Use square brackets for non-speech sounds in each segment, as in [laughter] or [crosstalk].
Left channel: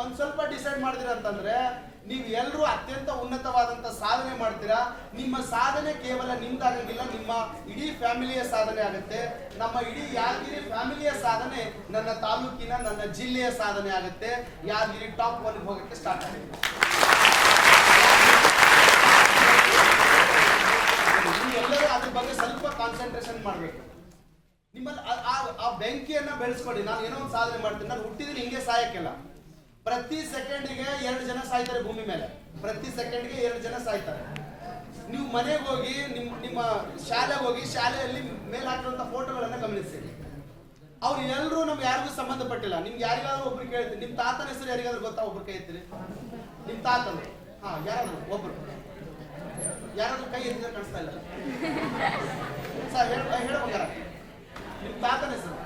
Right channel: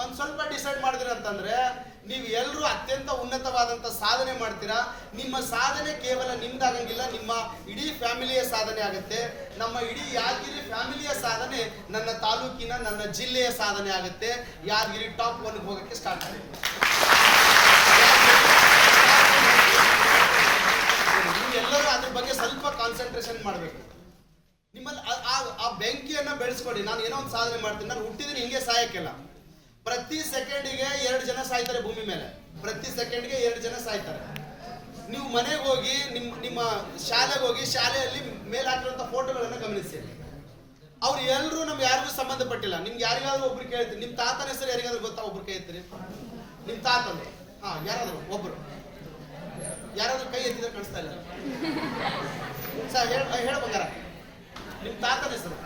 ಒಂದ್ ಸ್ವಲ್ಪ ಡಿಸೈಡ್ ಮಾಡಿದಿರ ಅಂತಂದ್ರೆ, ನೀವು ಎಲ್ಲರೂ ಅತ್ಯಂತ ಉನ್ನತವಾದಂತ ಸಾಧನೆ ಮಾಡ್ತೀರಾ? ನಿಮ್ಮ ಸಾಧನೆ ಕೇವಲ ನಿಮ್ದಾಗಂಗಿಲ್ಲ, ನಿಮ್ಮ ಇಡೀ ಫ್ಯಾಮಿಲಿಯ ಸಾಧನೆ ಆಗುತ್ತೆ. ನಮ್ಮ ಇಡೀ ಯಾದಗಿರಿ ಫ್ಯಾಮಿಲಿಯ ಸಾಧನೆ ನನ್ನ ತಾಲೂಕಿನ, ನನ್ನ ಜಿಲ್ಲೆಯ ಸಾಧನೆ ಆಗುತ್ತೆ. ಯಾದಗಿರಿ ಟಾಪ್ ಒನ್ಗೆ ಹೋಗಕ್ಕೆ ಸ್ಟಾರ್ಟ್ ಆಗುತ್ತೆ ನೀವು ಎಲ್ಲರೂ ಅದ್ರ ಬಗ್ಗೆ ಸ್ವಲ್ಪ ಕಾನ್ಸಂಟ್ರೇಷನ್ ಮಾಡಬೇಕು. ನಿಮ್ಮಲ್ಲಿ ಆ- ಬೆಂಕಿಯನ್ನ ಬೆಳೆಸ್ಕೊಡಿ. ನಾನು ಏನೋ ಒಂದು ಸಾಧನೆ ಮಾಡ್ತೀನಿ. ನಾನು ಹುಟ್ಟಿದೀನಿ, ಹಿಂಗೆ ಸಾಯಕ್ಕಿಲ್ಲ. ಪ್ರತಿ ಸೆಕೆಂಡಿಗೆ ಎರಡು ಜನ ಸಾಯ್ತಾರೆ ಭೂಮಿ ಮೇಲೆ. ಪ್ರತಿ ಸೆಕೆಂಡ್ಗೆ ಎರಡು ಜನ ಸಾಯ್ತಾರೆ. ನೀವು ಮನೆಗೆ ಹೋಗಿ ನಿಮ್ಮ ನಿಮ್ಮ ಶಾಲೆಗೆ ಹೋಗಿ, ಶಾಲೆಯಲ್ಲಿ ಮೇಲೆ ಹಾಕಿರುವಂಥ ಫೋಟೋಗಳನ್ನು ಗಮನಿಸಿ. ಅವ್ರು ಎಲ್ಲರೂ ನಮ್ಗೆ ಯಾರಿಗೂ ಸಂಬಂಧಪಟ್ಟಿಲ್ಲ ನಿಮ್ಗೆ ಯಾರಿಗಾದ್ರೂ ಒಬ್ರು ಕೇಳ್ತೀನಿ ನಿಮ್ಮ ತಾತನ ಹೆಸರು ಯಾರಿಗಾದ್ರೂ ಗೊತ್ತಾ ಒಬ್ರು ಕೈ ನಿಮ್ಮ ತಾತಂದು? ಹಾ, ಯಾರಾದ್ರು ಒಬ್ರು. ಯಾರಾದ್ರೂ ಕೈ ಎತ್ತಿದ್ರೆ ಕಾಣಿಸ್ತಾ ಇಲ್ಲ. ಸರ್, ಹೇಳ ಬಂಗಾರ. ನಿಮ್ಮ ತಾತನ ಹೆಸರು?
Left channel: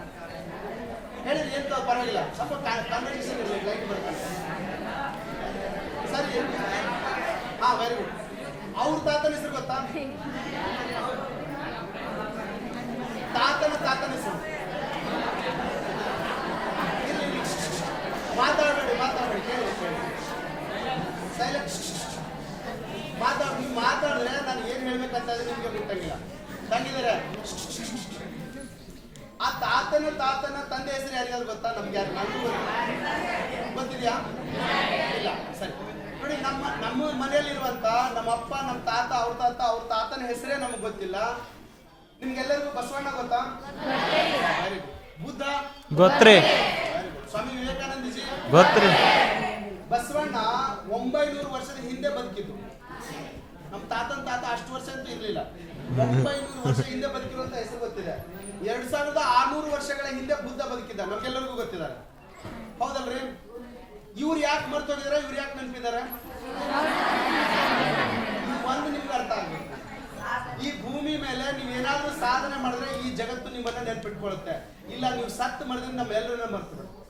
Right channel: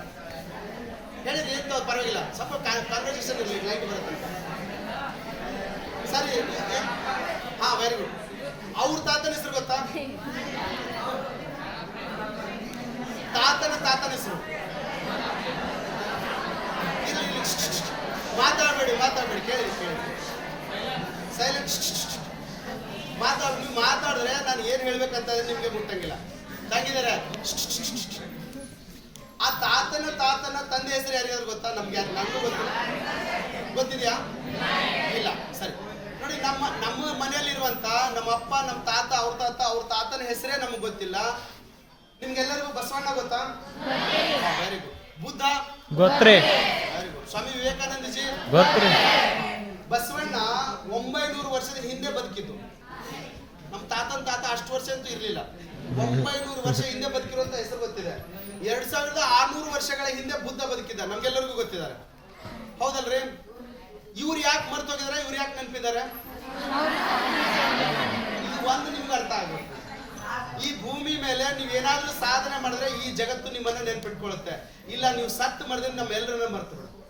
ಹೇಳಿರಿ ಎಂತ ಪರವಾಗಿಲ್ಲ. ಸ್ವಲ್ಪ ಕಾನ್ವರ್ಸೇಷನ್ ಇರಲಿ ಲೈಟ್ ಬರುತ್ತೆ ಸರಿ ಹಾ ವೆರಿ ಗುಡ್ ಅವ್ರ ತಾತನ ಹೆಸರು ಗೊತ್ತಾ? ತಾತನ ತಾತನ ಹೆಸರು. ಇಲ್ಲಿ ಮಾತಾಡಬೇಡಿ ಮಾತಾಡಬೇಡಿ, ಕೇಳಿ ಕೇಳಿ. ಸೈಲೆಂಟ್ ಮಾತಾಡ್ ನೀವು ಮಾತಾಡಿದ್ರೆ ನಾನು ಏನು ಹೇಳ್ಬೇಕಂತ ನಿಮ್ಗೆ ಮುಟ್ಟಂಗಿಲ್ಲ. ತಂಗಿದ್ದಾರೆ ಆ ತಾತನ ತಾತನ ತಂದೆ ಹೆಸರು ಯಾರಿಗಾದ್ರು ಗೊತ್ತಾ? ನಮ್ಗೆ ಯಾರು ನನಗೂ ಗೊತ್ತಿಲ್ಲ. ಗೊತ್ತಿದ್ಯಾ? ಇಲ್ಲ. ಸರಿ. ನೋಡಿ ನಮ್ಮ ನಮ್ಮ ಮನೆಯಲ್ಲಿರುವಂತ ನಮ್ಮ ಅಪ್ಪ ನಮ್ಮ ತಾತ ಅವ್ರ ತಾತ ಅವ್ರ ತಾತನ ಹೆಸರೇ ನಮಗೆ ಗೊತ್ತಿಲ್ಲ. ನಿಮ್ಗೆಲ್ಲರಿಗೂ ಬಸವಣ್ಣ ಗೊತ್ತಾ? Very good Buddha? ಗೊತ್ತ್ರಿ very good Swami Vivekanandaji ಗೊತ್ತ್ರಿ ಬಸವಣ್ಣ ಒಂಬೈನೂರು ವರ್ಷದ ಹಿಂದೆ ಬದುಕಿದ್ದು. ನಮ್ಮ ತಾತನ ತಾತ ಅಷ್ಟು ವರ್ಷ ಅಂತೂ ಇರಲಿಲ್ಲ. ಒಂಬೈನೂರು ವರ್ಷ ಹಿಂದೆ ಬದುಕಿರುವಂತ ಹೆಸರು ಗೊತ್ತಿದೆ. ಎರಡ್ ಸಾವಿರದ ಆರ್ನೂರು ವರ್ಷಗಳ ಹಿಂದೆ ಬುದ್ಧ ಬದುಕಿದ್ದ ನಮ್ಗೆಲ್ಲರಿಗೂ ಗೊತ್ತಿದ್ದಾರೆ. ಹೌದಲ್ರಿ? ಇವ್ರು ಯಾಕೆ ಮರ್ತೋಗಿದಾರೆ ಇವ್ರು ಯಾಕೆ ನೆನಪಿದ್ದಾರೆ? ಒಂದು ನಿಮ್ಗೆ ಅರ್ಥ ಆಗುತ್ತೆ. ಈ ಭೂಮಿ ಮೇಲೆ ನೀವು ಏನಾದರೂ ಸಾಧನೆ ಮಾಡಿದ್ರೆ ಈ ಜಗತ್ತು ನಿಮ್ಮನ್ನ ನೆನ್ಪಿಟ್ಕೊಳ್ಳುತ್ತೆ ಇಲ್ಲ, ನೀವು ಸತ್ ಮಾಡಿದ್ರೆ ನಮ್ಮೆಲ್ಲರನ್ನ ಮರ್ತು ಬಿಡುತ್ತೆ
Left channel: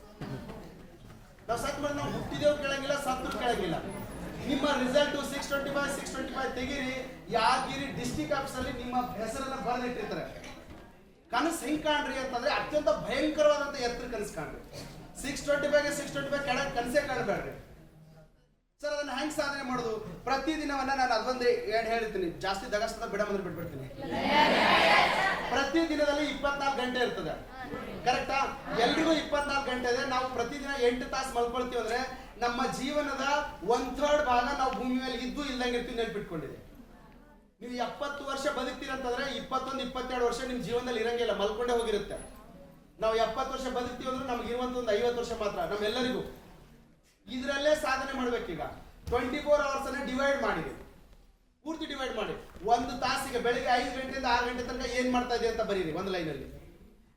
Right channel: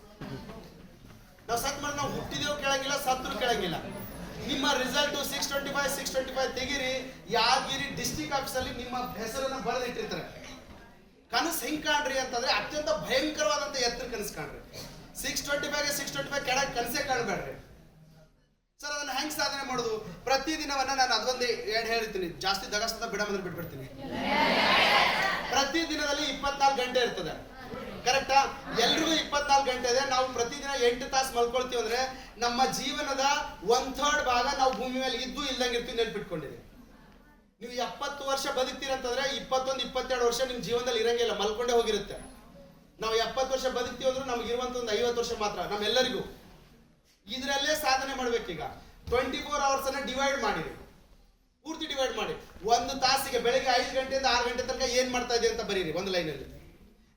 ನಾವು ಸತ್ ಮಾಡಿದ್ರೆ ನಾವು ಹುಟ್ಟಿದೇವು ಕೇಳಂಗಿಲ್ಲ, ಸತ್ರು ಕೇಳಂಗಿಲ್ಲ. ನಿಮ್ಮ result six twenty five six twenty five ತೆಗೀರಿ ಯಾದಗಿರಿ ಡಿಸ್ಟಿಕ್ ಆಫೀಸಲ್ಲಿ ನಿಮ್ಮ ಹೆಸರನ್ನ ಬರೆದಿಟ್ಟಿರ್ತಾರೆ ಕನಸು ಹೆಂಗ್ ಕಾಣ್ರಿ ಅಂತಂದ್ರೆ ಅತ್ಯಂತ ಭಯಂಕರವಾದಂತ ಎತ್ತರ ಕನಸು ಕಾಣ್ರಿ. ಸಿಕ್ಸ್ ಟ್ವೆಂಟಿ ಫೈವ್ಗೆ ಸಿಕ್ಸ್ ಟ್ವೆಂಟಿ ಫೈವ್ ಕೆಳಗೆ ಕನಸೇ ಕಾಣಬೇಡ್ರಿ. ಸರ್, ಅದನ್ನ ಹೆಂಗ್ ಸಾಧನೆ ಮಾಡೋದು? ಪ್ರತಿ ದಿನವನ್ನ ನಾನು ಅದೊಂದು ಎರಡು ಹೇಳ್ತೀನಿ. ಜಾಸ್ತಿ ದಗಸ್ತದ ಬಿಡ ಬಂದ್ರೆ ಬಿಟ್ಬಿಡ್ತೀನಿ. ಪ್ರತಿ ದಿನದಲ್ಲಿ ಇಪ್ಪತ್ನಾಲ್ಕು ಗಂಟೆ ಇರ್ತದೆ. ಕರೆಕ್ಟಾ ಎಲ್ರಿಗೂ ಇಪ್ಪತ್ನಾಲ್ಕು ಗಂಟೆ ಇದೆ ನಾವು ಪ್ರತಿದಿನ ಎಂಟು ತಾಸು ಮಲ್ಕೊಳ್ತೀವಿ ಅಂದ್ರೆ ನಮ್ಮ ಜೀವನದ ಒನ್ ಥರ್ಡ್ ಭಾಗ ನಾವು ಭೂಮಿ ಮೇಲೆ ಇದ್ದು ಇಲ್ದಂಗೆ ಇರ್ತೀವಿ ನೆನ್ಪಿಟ್ಕೊಂಡಿದೆ ನೀವು ಎಪ್ಪತ್ತು ವರ್ಷ ಬದುಕ್ತೀರಂತಂದ್ರೆ ಇಪ್ಪತ್ತೊಂದು, ಇಪ್ಪತ್ತೆರಡು ವರ್ಷ ನಿಮ್ಮ ಜೀವನದಲ್ಲಿ ಇರಂಗಿಲ್ಲ ಮಲ್ಕೊಂಡೇ ಹೋಗಿರುತ್ತೆ. ನಾವು ಎಪ್ಪತ್ತು ವರ್ಷ ಬದುಕ್ತೀವಿ ಅಂದ್ರೆ ನಮ್ಗೆ ಇರುವಂತ ಒಂದು ಐವತ್ತು ವರ್ಷ ಮಾತ್ರ, ನಮ್ಮೆಲ್ಲರಿಗೂ. ಇದರಲ್ಲೇ ಸಾಧನೆ ಮಾಡ್ಬೇಕೀಗ. ಟ್ವೆಂಟಿ ಫೋರ್ ಅವರ್ಸ್ ಅನ್ನ ಡಿವೈಡ್ ಮಾಡಿರಿ. ಪೂರ್ತಿ ಡಿವೈಡ್ ಮಾಡಿ ಒಂದು ತಾಸಿಗೆ ಬೆಳಿಗ್ಗೆ ಐದು ಗಂಟೆಯಿಂದ ಆರು ಗಂಟೆ ತನಕ ಏನ್ ಮಾಡ್ತಾ ಇದೆ ಅಂತ ಬರೀರಿ, ಒಂದು ಲೈನಲ್ಲಿ.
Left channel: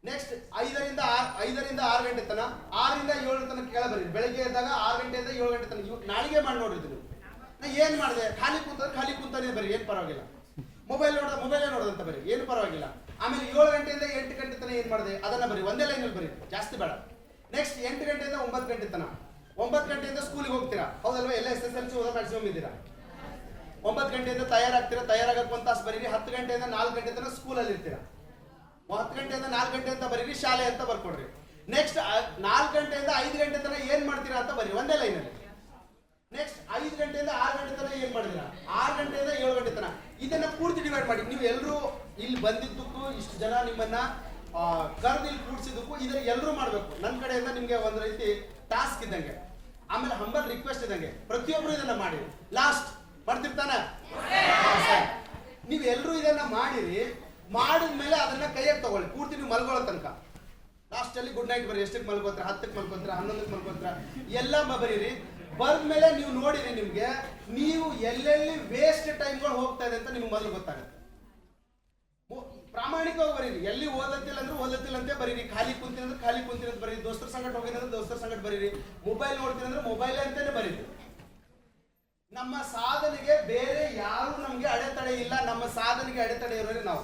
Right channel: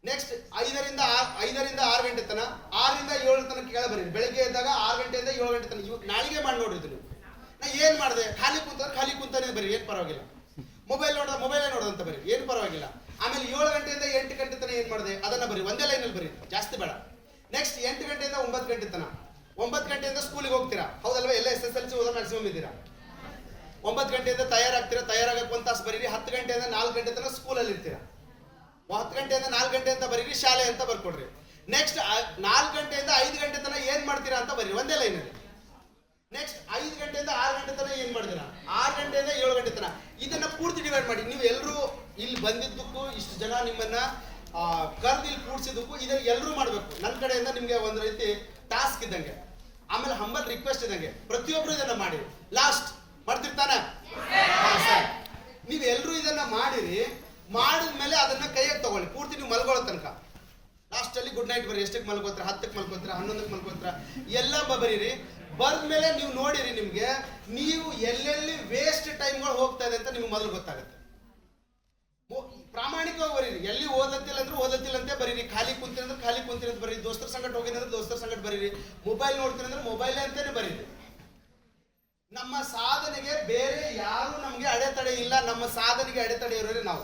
ನೆಕ್ಸ್ಟ್ ಐದರಿಂದ ಆ- ಐದರಿಂದ ಆರು ಗಂಟೆ ತನಕ ಆರರಿಂದ ಏಳು ತನಕ ಕೇಳ ಬರೀರಿ ಬೆಳಗ್ಗೆ ಎದ್ದಾಗ ಆರು ಗಂಟೆಯಿಂದ ಏಳು ಗಂಟೆ ತನಕ ಇವಾಗ ನಾಳೆಗೆ ಮಾಡಿ ನೋಡಿದ್ರು ನೀವು. ನಾ ಏನ್ ಮಾಡಿದೆ? ಖಾಲಿ ಕುಂತಂದ್ರೆ ಖಾಲಿ ಕುಂತಾನೆ ಬರೀ, ಏನು ಪರವಾಗಿಲ್ಲ. ಮೊಬೈಲ್ ನೋಡಿದ ಮೊಬೈಲೇ ನೋಡೋದಂತ ಬರೀ, ಏನು ಪರವಾಗಿಲ್ಲ. ಆಮೇಲೆ ಏಳು ಗಂಟೆಯಿಂದ ಎಂಟು ಗಂಟೆ ತನಕ ಏನು ಮಾಡಿದೆ? ಅದನ್ನ ಬರೀ, ಒಂದೇ ಲೈನಲ್ಲಿ ಬರೀ, ಜಾಸ್ತಿ ಬೇಡ. ನೆಕ್ಸ್ಟ್ ಎಂಟು ಗಂಟೆಯಿಂದ ಒಂಬತ್ತು ಗಂಟೆ ತನಕ ಒಂಬತ್ತು ಗಂಟೆಯಿಂದ ಸ್ಕೂಲಿಗೆ ಹೋಗ್ತೀರಾ? ಹೌದಲ್ವಾ? ಎಲ್ಲ ಎಸ್ ಎಸ್ ಎಲ್ ಸಿ ಓದೋ ಮ್ಯಾಕ್ಸಿಮಮ್ ಇದ್ದೀರಾ ಒಂಬತ್ತು ಗಂಟೆಯಿಂದ ತಯಾರಾಗ್ತೀರಾ? ತಯಾರಾಗಕ್ಕೆ ಒಂದು ತಾಸು ಬರೀರಿ, ಹತ್ತು ಗಂಟೆಯಿಂದ ನಾಲ್ಕು ಗಂಟೆ ತನಕ ಸ್ಕೂಲಲ್ಲಿ ಇರ್ತೀರಾ? ಹತ್ತು ಗಂಟೆಯಿಂದ ನಾಲ್ಕು ಗಂಟೆ ಅಂತ ಬರೀರಿ, ಶಾಲೆ ಅಂತ ಬರ್ಕೊಡ್ರಿ. ನೆಕ್ಸ್ಟ್ ನಾಲ್ಕು ಗಂಟೆಯಿಂದ ಐದು ಗಂಟೆ ತನಕ ಏನ್ ಮಾಡ್ತೀರಾ ಅಂತ ಬರೀರಿ, ಒಂದೇ ಲೈನಲ್ಲಿ ನೆಕ್ಸ್ಟ್ ಐದು ಗಂಟೆಯಿಂದ ಆರು ಗಂಟೆ ತನಕ ಏನ್ ಮಾಡ್ತೀರಾ? ಆರು ಗಂಟೆಯಿಂದ ಏಳು ಗಂಟೆ ತನಕ. ಇದನ್ನ ಪೂರ್ತಿ ಡಿವೈಡ್ ಮಾಡಿ. ನೀವು ಎಲ್ಲರೂ ಇಲ್ಲಿ ಬಂದಿದ್ದಕ್ಕೂ, ಇಷ್ಟು ಜನ ನಿಮ್ಮನ್ನ ಕರೆದು ಇಲ್ಲಿ ಕೂಡ್ಸಿದ್ದಕ್ಕೂ ಇದನ್ನ ಎಲ್ಲರೂ ಮಾಡಬೇಕು. ನನ್ನ ಕಡೆಯಿಂದ ನಿಮ್ಗೆ ಒಂದು ರೀತಿ ಟಾಸ್ಕ್ ಇದ್ದಂಗೆ. ಆಮೇಲೆ ಹಂಬಲ್ ರಿಕ್ವೆಸ್ಟ್ ಇದ್ದಂಗೆ. ಪ್ರತಿಯೊಬ್ಬರು ಇದನ್ನ ಮಾಡಿ. ಲಾಸ್ಟ್ ಮಾಡ್ತಿರ್ತಾನೆ? ನೀವು ಎಲ್ಲರೂ ಇದನ್ನ ಮಾಡಿರಿ. ಮಾಡಿದ್ಮೇಲೆ ಅದನ್ನ ಕೈಯಾಗಿ ತಗೊಳ್ಳಿ. ಪೂರ್ತಿ ನೀವು ಮಲ್ಕೊಳ್ಳೋ ತನಕ. ಲಾಸ್ಟಲ್ಲಿ ಗುಡ್ ನೈಟ್ ಬರೀ ಎಷ್ಟಕ್ಕೆ ಮಲ್ಕೋತೀರ? ಹತ್ತಕ್ಕೆ ಮಲ್ಕೋತೀರ? ಹನ್ನೊಂದಕ್ಕೆ ಮಲ್ಕೋತೀರ? ಎಲ್ಲ ಬರೀರಿ. ಬರ್ದ್ಮೇಲೆ ನೀವು ನೋಡಿರಿ ನಿಮಗೆ, ನೀವು ಎಲ್ಲೆಲ್ಲಿ ವೇಸ್ಟ್ ಟೈಮ್ಗಳು ಹೋಗ್ತಾ ಇದೆ ಅಂತ ನಿಮ್ಗೆ ಮೊದಲು ಗೊತ್ತಾಗುತ್ತೆ. ಪ್ರಾಮಾಣಿಕವಾಗಿ ಬರೀರಿ. ಎಲ್ಲಿ ಓದತ್ತಿಲ್ಲ ಅಂದ್ರೆ ಓದತ್ತಿಲ್ಲ ಅಂತ ಬರೀರಿ. ಖಾಲಿ ಕುಂತಿನ ಅಂದ್ರೆ ಖಾಲಿ ಕುಂತಿನ ಅಂತ ಬರೀರಿ. ದೋಸ್ತರ ಸಂಗಟ ಹೋಗಿದ್ರೆ ದೋಸ್ತರ ಸಂಗಟ ಬರೀರಿ. ಮೊಬೈಲ್ ನೋಡ್ತೀನಿ ಅಂದ್ರೆ ಮೊಬೈಲ್ ಅಂತಾನೆ ಬರೀರಿ. ನಮ್ಮ ಸಾಧನೆಗೆ ಬೇರೆ ಯಾರು ನಮ್ಗೆ ಅಡೆತಡೆ ಇಲ್ಲ. ನಮ್ಮ ಸಾಧನೆಗೆ ಅಡೆತಡೆ ಇರೋರಿ ನಾವು.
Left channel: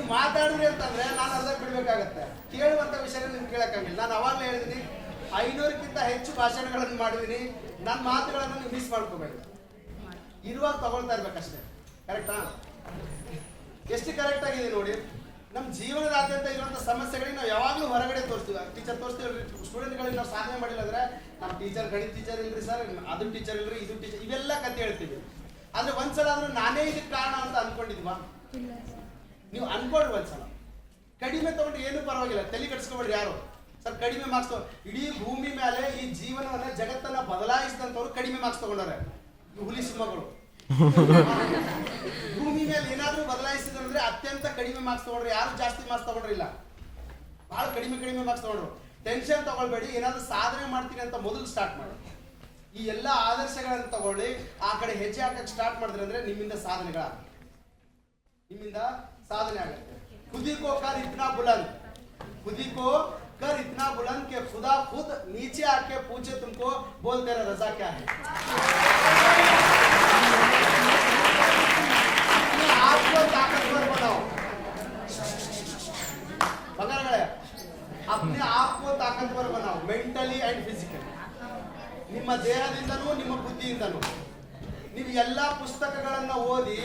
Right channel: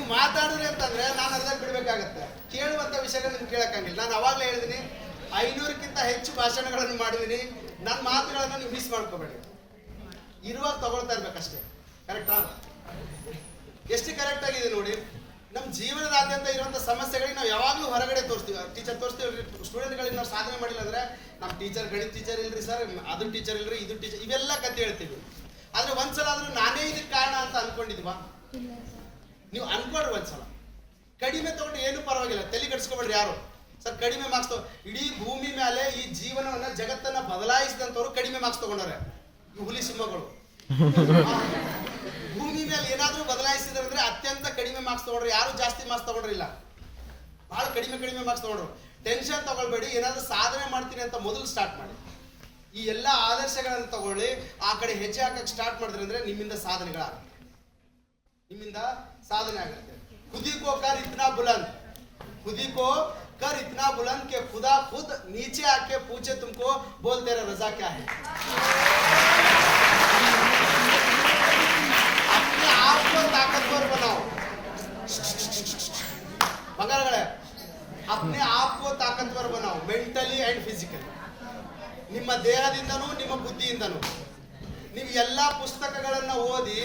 ಐನೂರಕ್ಕಿಂತ ಹೆಚ್ಚು ಭಾಷಣಗಳನ್ನು ಮಾಡಿದ್ದೀನಿ. ನನ್ನ ಮಾತುಗಳನ್ನು ನೀವು ಮಿಸ್ ಮಾಡ್ಕೋಬೇಡಿ. ಇರುವಾಗ ತಗೊಳ್ತಾ ಇರ್ಬೇಕಷ್ಟೇ. ಕರೆಕ್ಟಾ ಎಷ್ಟು ಕರೆಕ್ಟ್ ಆಗಿದೆ ನೋಡಿ ನಮ್ಮ ಜೀವನದಾದ್ಯಂತ ಇರುವಂಥ ಸಮಸ್ಯೆಗಳಿಗೆ ನಾವು ಯಾವಾಗಲೂ ಹೊರಗಡೆ ತೋರಿಸ್ತೀವಿ. ಟೀಚರ್ ತೋರಿಸ್ತೀವಿ ಸ್ಟೂಡೆಂಟ್ಗಳಿಗೆ ನಾವು ಸಾಧನೆ ಮಾಡಿಲ್ಲ ಅಂದ್ರೆ ನಮ್ಮ ಟೀಚರ್ ಗಣಿತ ಟೀಚರ್ ಇಲ್ರಿ ಸರ್ ಅದು ಟೀಚರ್ ಇಲ್ರಿ ಇದು ಟೀಚರ್ ಇವೆಲ್ಲ ಕತೆ ಹೇಳ್ತೀವಿ. ಆದ್ರೆ ಒಂದ್ಸಲ ಆದ್ರೂ ನಾನೇ ಇದಕ್ಕೆ ಕಾರಣ ಅಂತ ಅನ್ಕೊಂಡಿದ್ವಾ? ನೀವು ಅನ್ಕೊಡ್ರಿ ಒಂದ್ಸಲ. ಕಡಿಮೆ ತಗೊಂಡು ಏನು ಪರವಾಗಿಲ್ಲ. ತಲೆ ಕೆಡಿಸ್ಕೊಬೇಡ್ರಿ ಯಾರು? ಸರ್, ಕಡಿಮೆ ಮಾರ್ಕ್ಸ್ ಇಡೀ ಭೂಮಿ ಮೇಲೆ ಈ ಜೀವನವನ್ನ ಜಗತ್ತನ್ನ ಬದಲಾಯಿಸಿದಂತವ್ರು ಕಡಿಮೆ ಮಾರ್ಕ್ಸ್ ತಗೊಂಡಾರೆ ಹುಲಿ ಸಿಂಹಗಳು. [laughs] ಭೂಮಿ ಮೇಲೆ ಏನಾದ್ರೂ ಬದಲಾಯಿಸಿದ್ರೆ ಅತ್ಯಂತ ಕಡಿಮೆ ಮಾರ್ಕ್ಸ್ ತಗೊಂಡ್ರೆ. ಯಾರು ಜಾಸ್ತಿ ಮಾರ್ಕ್ಸ್ ತಗೊಂಡ್ರಿಲ್ಲ ಬಹಳ ಕಡಿಮೆ ಕಡಿಮೆ ಮಾರ್ಕ್ಸ್ ತಗೊಂಡ್ರು. ಟೆನ್ಷನ್ ತಗೊಳ್ಬೇಡಿ, ಏನಾದ್ರೂ ಸಾಧನೆ ಮಾಡ್ತೀನಿ ಅಂತ ಮೊದಲು ಸ್ಟಾರ್ಟ್ ಮಾಡಿ. ಈ ಎಲ್ಲಾ ಆದರ್ಶಗಳನ್ನು ತಗೊಳ್ಳಿ, ಆ ಕಡೆ ಹೆಜ್ಜೆ ಹಾಕಕ್ಕೆ ಸ್ಟಾರ್ಟ್ ಮಾಡಿದ್ರೆ ಅಂದ್ರೆ ನಿಮ್ಮಿಂದ ಸಾಧನೆಗಳ ನಿಮ್ಮಿಂದ ಸಾಧನೆ ಆಗುತ್ತೆ. ಖುದಿ ಕೋ ಕಾರ್ ಇತ್ನಾ ಬುಲಂದ್. ಕುದಿಕೋ कर इतना बुलंद कि खुदा खुद नीचे आके पूछे तुमको बोल तेरा रजा क्या है अपने आप को ताकतवर बनाओ ಬಂಗಾರಗಳೇ अपने आप को ताकतवर बनाओ ಮೆಂಟಲಿ ಅಂಡ್ ಫಿಸಿಕಲಿ ನಿಮ್ಮ ದೇಹದಿಂದನೂ ನಿಮ್ಮ ಬುದ್ಧಿಯಿಂದನೂ ನೀವು ಎಲ್ಲ ಪುಸ್ತಕಗಳನ್ನ ಓದಿ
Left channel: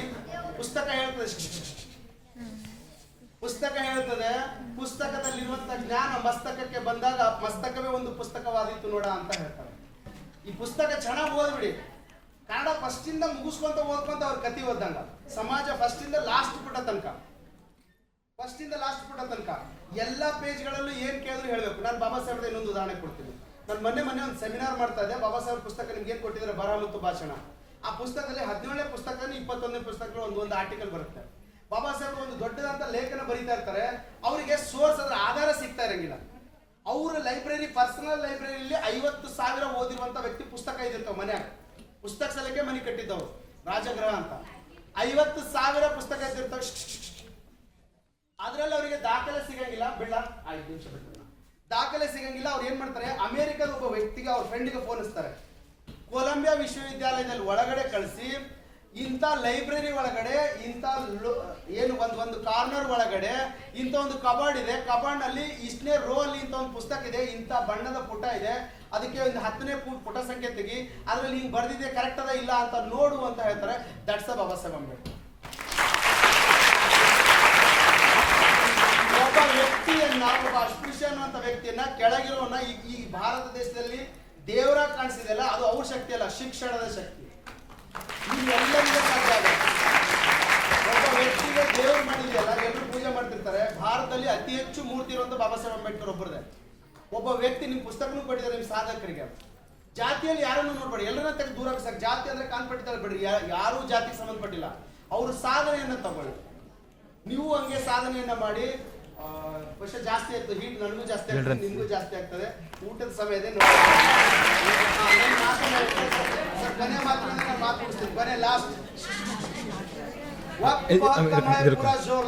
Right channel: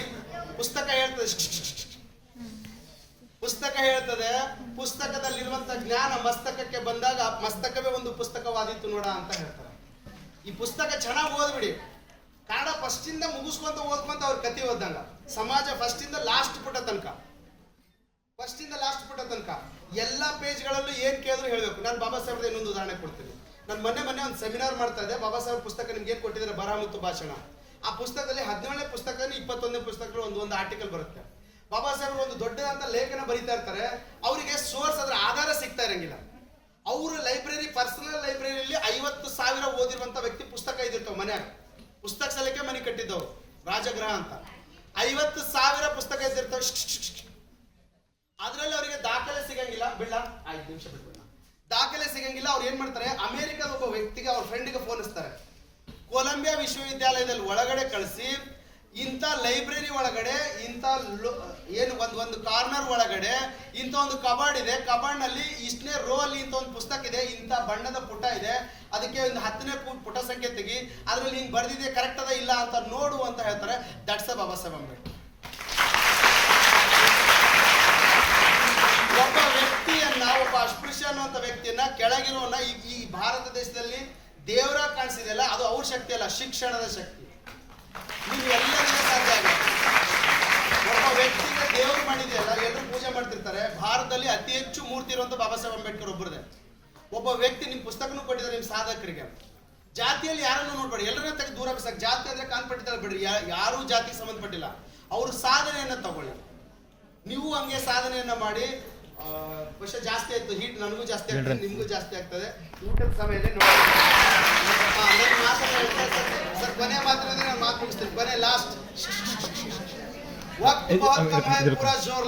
ಪುಸ್ತಕ ಹೇಳ್ತದೆ ಪುಸ್ತಕ ಹೇಳ್ತದೆ, ಪುಸ್ತಕದಲ್ಲಿರುವಂತ ಜ್ಞಾನ ಮಸ್ತಕಕ್ಕೆ ಬಂದಾಗ ಮಸ್ತಕವೇ ಒಂದು ಪುಸ್ತಕವಾದಿತ್ತು ನೋಡ ಅಂತ ಹೇಳ್ತಾರೆ. ಈ ಪುಸ್ತಕ ಚೆನ್ನಾಗಿ ಓದ್ಬಿಡಿ ಕನ್ನಡ ಫಸ್ಟ್ ಇಂದ ಮುಗಿಸ್ಕೊಂತ ಓದ್ಕೊಂತ ಅವ್ರ ಕತಿ ಓದ್ದಂಗ. ಸಮಾಜ ಫಸ್ಟ್ ಇಂದ ಲಾಸ್ಟ್ ಪುಟ ತನಕ. ಫಸ್ಟ್ ಇಂದ ಲಾಸ್ಟ್ ಪುಟ ತನಕ. ಎಲ್ಲ ಪೇಜ್ಗಳಲ್ಲೂ ಏನ್ ಕೇಳಿದ್ರು ಹೇಳ್ಬೇಕು. ನಾನು ಬಾಬಾ ಸಾಹೇಬ್ದ ಇನ್ನೊಂದು ಉದಾಹರಣೆ ಕೊಡ್ತೀನಿ. ನಾನು ಮೊನ್ನೆ ಮೊನ್ನೆ ಒಂದು ಸೆಮಿನಾರ್ ಮಾಡ್ತಾ ಇದ್ದೆ. ಬಾಬಾ ಸಾಹೇಬ್ ಪುಸ್ತಕ ನಿಮ್ಗೆ ಏನು ಕೊಟ್ಟಿದ್ದಾರೆ? ಬರಹ ಮತ್ತು ಭಾಷಣ. ಆ ಪುಸ್ತಕದಲ್ಲಿ ಹದಿನೇಳನೇ ಪುಸ್ತಕ ಇಪ್ಪತ್ತೊಂದನೇ ಪುಸ್ತಕಗಳು ಒಂದು ಒಂದು ಆರ್ಟಿಕಲ್ ಬರುತ್ತೆ. ಬಾಬಾ ಸಾಹೇಬ್ರು ಒಂದು ದೊಡ್ಡದಂತ ಲೇಖನ ಬರೀತಾ ಇರ್ತಾರೆ, ಅವರಿಗೆ ಸೋರ್ಸ್ ಅದರ ಆಧಾರ ಸಿಗ್ತಾ ಇರಂಗಿಲ್ಲ. ಅವ್ರ ಲೈಬ್ರರಿ ಪರ್ಸನಲ್ ಲೈಬ್ರರಿಯಲ್ಲಿ ಐವತ್ತು ಸಾವಿರ ಓದಿರುವಂತ ವ್ಯಕ್ತಿ ಪುಸ್ತಕ ಇದಿರ್ತಾವ ಮನ್ಯಾಗ. ಪುಸ್ತಕ ಸಲಕ್ಕೆ ಮನೆ ಕಟ್ಟಿದ್ದವು ರಾಜಗೃಹ ಅಂತ. ಐವತ್ತು ಸಾವಿರ ಪುಸ್ತಕ ಇದ್ದಿರ್ತಾವ ಅದರಲ್ಲಿ ಅವರಿಗೆ ದಾಖಲೆ ಸಿಗಂಗಿಲ್ಲ. ಬಿಡ ಐದು ನಿಮಿಷ ಬಿಟ್ಟು ದಾಖಲೆ ಸಿಗಂಗಿಲ್ಲ, ಅವ್ರು ಏನ್ ಮಾಡ್ತಾರೆ, ಅಮೆರಿಕದ ಒಬ್ಬ ವ್ಯಕ್ತಿಗೆ ಅವ್ರ ಫ್ರೆಂಡ್ಗೆ ಫೋನ್ ಹಚ್ತಾರೆ. ಕೊಲಂಬಿಯಾ ವಿಶ್ವವಿದ್ಯಾಲಯದಲ್ಲಿ ಒಳಗಡೆ ಕಳಿಸಿ ಇಂಥ ಲೈಬ್ರರಿ ಒಳಗಡೆ, ಇಂಥ ಏನು ಒಂದು ಒಂದು ಕಾರ್ನರ್ ಒಳಗಡೆ, ಇಂಥ ಒಂದು ಕಬಾರ್ಡ್ ಇದೆ. ಕಬಾರ್ಡ್ನಲ್ಲಿ ಇಷ್ಟನೇ ರೋ ಅಲ್ಲಿ ಇಂಥ ಒಂದು ಪುಸ್ತಕ ಇದೆ. ಇಂಥ ಬಣ್ಣದ ಪುಟ ಇದೆ. ಅದಕ್ಕೆ ಒಂದು ಹತ್ತನೇ ಪುಟ ಸಂಖ್ಯೆ ತೆಗಿ. ಅದ್ರಲ್ಲಿ ಹಿಂಗೆ ಬರ್ದಿದೆ ಕರೆಕ್ಟ್ ಅದ ಇಲ್ಲ ಅಂತ ನೋಡು ಅಂತ ಹೇಳ್ತಾರೆ. ದಟ್ಸ್ ಅ ಬಾಬಾ ಸಾಹೇಬ್ ಅಂಬೇಡ್ಕರ್ ಒಬ್ಬ ವ್ಯಕ್ತಿಯನ್ನ, ಒಬ್ಬ ಅಸ್ಪೃಶ್ಯ ಅನ್ನುವಂಥ ವ್ಯಕ್ತಿಯನ್ನ ಕೆಳಗಿರೋನ ಈ ಭಾರತ ದೇಶದಲ್ಲಿ ದೇವರ ಕಾಣಿಸಿದೆಯಲ್ಲ, ಅದು ಅವ್ರ ಶಕ್ತಿ ಅಲ್ಲ, ಶಿಕ್ಷಣದ ಶಕ್ತಿ. ನೀವು ಎಲ್ಲರಿಗೂ ಸಾಧ್ಯ ಆಗುತ್ತೆ ಒಬ್ಬ ವ್ಯಕ್ತಿಗೆ ದೇವ್ರು ಮಾಡಿದೆಯಲ್ಲ ಎಲ್ಲರೂ ಪೂಜೆ ಮಾಡ್ತಿರ್ತಾರೆ. ಭಾರತದಲ್ಲಿ ಅತಿ ಹೆಚ್ಚು ಮೂರ್ತಿ ಇರುವಂತ ಬಾಬಾ ಸಾಹೇಬ್ ಅಂಬೇಡ್ಕರ್ ಒಬ್ಬರದೇ ಒಬ್ಬ ವ್ಯಕ್ತಿ ನಿಮ್ಮ ಪುಸ್ತಕನೂ ಕೊಟ್ಟಿದ್ದಾರೆ ನಿಮ್ಮ ಸಾಧಕರಿಗೆ. ಜಾತಿಯಲ್ಲಿ ಯಾರನ್ನು ನೋಡ್ಬೇಡಿ ಎಲ್ಲರನ್ನ ತೆಗೆದು ದೂರ ಸಾಕು ಜಾತಿ ಅಂದ್ರೆ ಕಾನ್ಪಟ್ಟಿದ್ದಾರೆ ಬಿಡ್ರಿ ಯಾರು ಜಾತಿಗೆ ಸಂಬಂಧಪಟ್ಟಿಲ್ಲ. ಅವರು ಸಾಧನೆಯನ್ನು ತಗೊಳ್ಳಿ. ನೀವು ಹಂಗೆ ಸಾಧನೆಯನ್ನ ಮಾಡಿ ವಿಷ ಜಾಸ್ತಿ ಆಯ್ತು ಹೀಟ್ ನನಗೂ ಜಾಸ್ತಿ ಆಗ್ತದೆ ನಿಮಗೂ ಜಾಸ್ತಿ ಆಗ್ತದೆ. ಊಟದ ಸಮಯ ಇದೆ ನೋಡಿ ಸರ್ ಕೊನೆ ಮಾತ್ರ ಇದ್ರೆ ನಾನು ಮಾತು ಮುಗಿಸ್ತೀನಿ. ಕೊನೆ ಲಾಸ್ಟ್ ವಕ್ತ ವಕ್ತ ಮಹಪುರ ಜೋರ್